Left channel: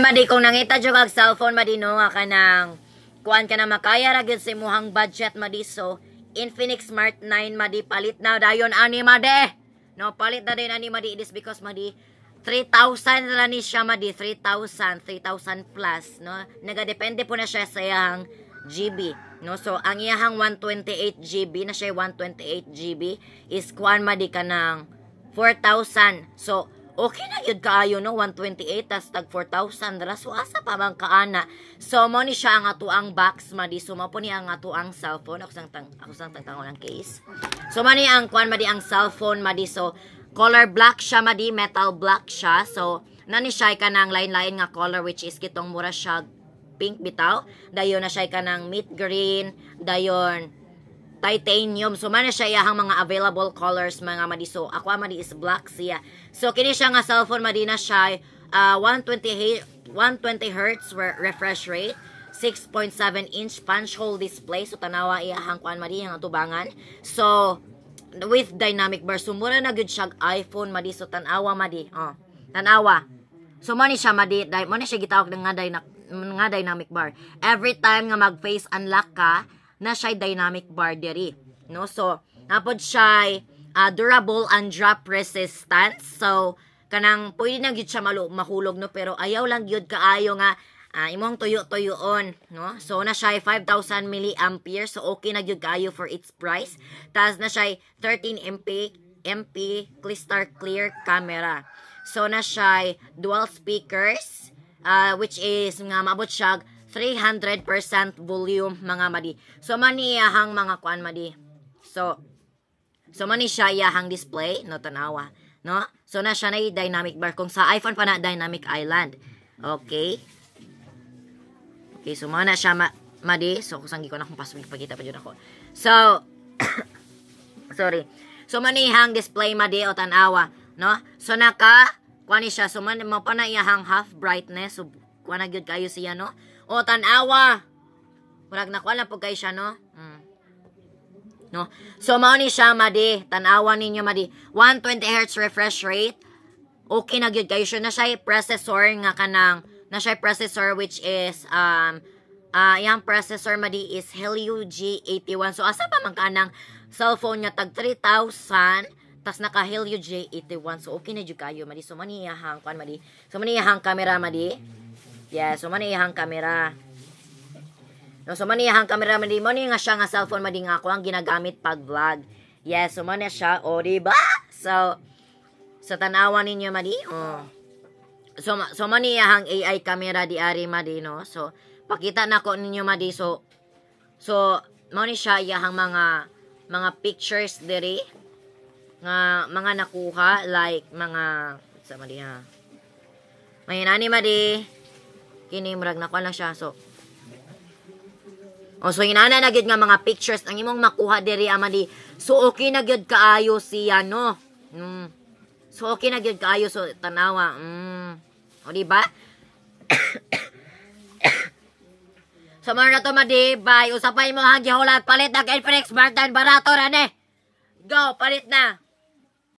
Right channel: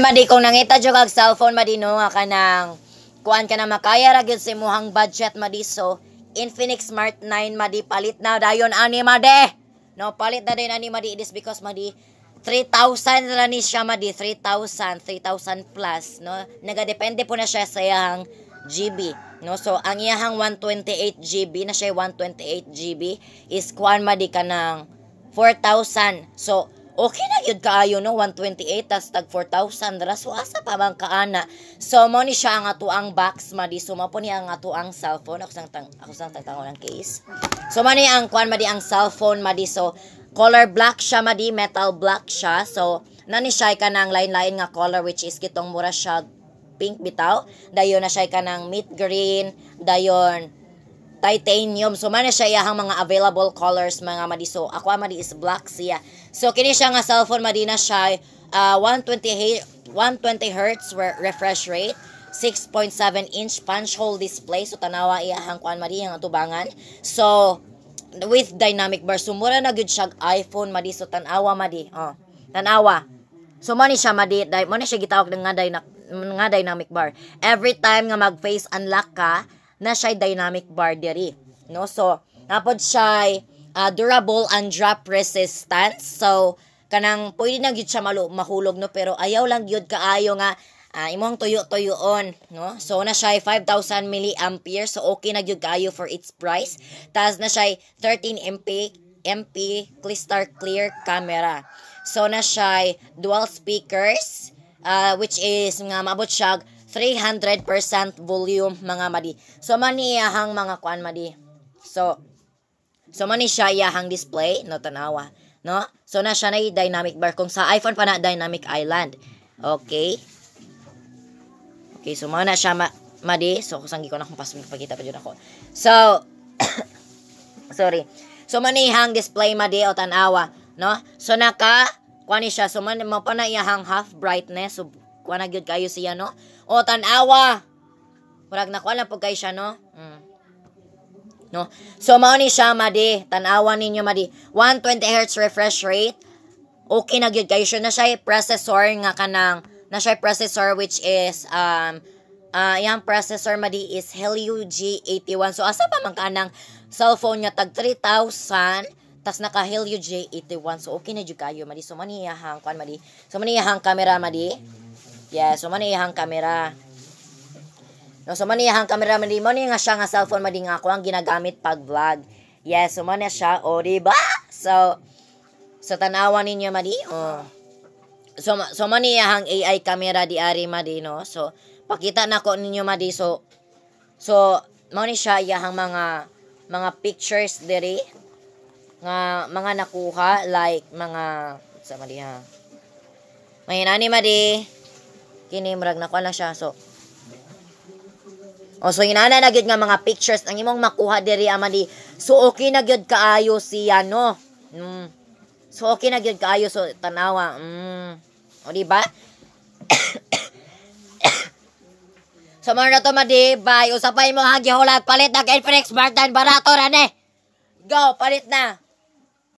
Madi kung nangita jud kag cellphone madi no nga kanang kuan ka na makaya ra gyud sa imong budget madi so Infinix Smart 9 madi palit na dayon ani madi. No, palit na din ani madi this because madi 3,000 na ni siya madi 3,000 plus no. Nagadepende po na siya sa iyang GB no. So ang iyang 128 GB na siya 128 GB is kuan madi kanang 4,000. So okay na yun kaayo no 128 tas tag 4,000 ra so asa pa man kaana. So mo ni siya ang atuang box madi so mo po ni ang atuang cellphone ako sang tagtangon ang case. So man ni ang kuan madi ang cellphone madi so color black siya madi metal black siya so nani siya kanang lain-lain nga color which is kitong mura siya pink bitaw dayon na siya kanang mint green dayon titanium. So man siya iyahang mga available colors mga madi. So ako madi is black siya. So kini siya nga cellphone madi na siya 120 Hz refresh rate, 6.7 inch punch hole display. So tanawa iyahang kuan madi ang tubangan. So with dynamic bar. So mura na gyud siya iPhone madi. So tanawa madi. Oh, tanawa. So man siya madi, mo na siya gitawag nga dynamic bar. Every time nga mag face unlock ka na siya dynamic bar diri no. So napod siya durable and drop resistant. So kanang pwede na gyud siya mahulog no pero ayaw lang gyud kaayo nga imong tuyo-tuyoon no. So na siya 5,000 mAh so okay na gyud kaayo for its price. Tas na siya 13 MP crystal clear camera. So na siya dual speakers which is nga maabot siya 300% volume mga madi. So mani iyahang mga kuan madi. So mani siya iyahang display no tanawa no. So na siya na dynamic bar kung sa iPhone pa na dynamic island. Okay. Okay, so mana siya madi. So kusang ko na kung password pagkita pa jud ako. So sorry. So mani iyahang display madi o tanawa no. So naka kuan siya so man mo pa na iyahang half brightness so kuan na gyud kayo siya no. O tanawa. Murag nakuha lang po kayo siya, no? No? So, mao ni siya, madi. Tanawa ninyo, madi. 120 Hz refresh rate. Okay na gyud kayo siya. Na siya processor nga kanang, na siya processor which is, yung processor, madi, is Helio G81. So, asa pa man kanang cellphone niya, tag 3,000, tas naka Helio G81. So, okay na gyud kayo, madi. So, maniyahang, kuan, madi. So, maniyahang camera, madi. Yeah, so maniyahang camera. No, so maniyahang camera madi mo ni nga siya nga cellphone madi nga ako ang ginagamit pag vlog. Yeah, so man siya o diba? So tanawa ninyo madi. Oh. So maniyahang AI camera di ari madi no. So pakita nako ninyo madi so mo ni siya iyahang mga pictures diri nga mga nakuha like mga sa madi ha. May nani madi. Kini murag na ko lang siya so so inana na gyud nga mga pictures ang imong makuha diri amadi so okay na gyud kaayo siya no. So okay na gyud kaayo so tanawa o di ba? So man na to madi bye usapay mo ha gihulat palit na Infinix Smart 9 barato ra ni go palit na.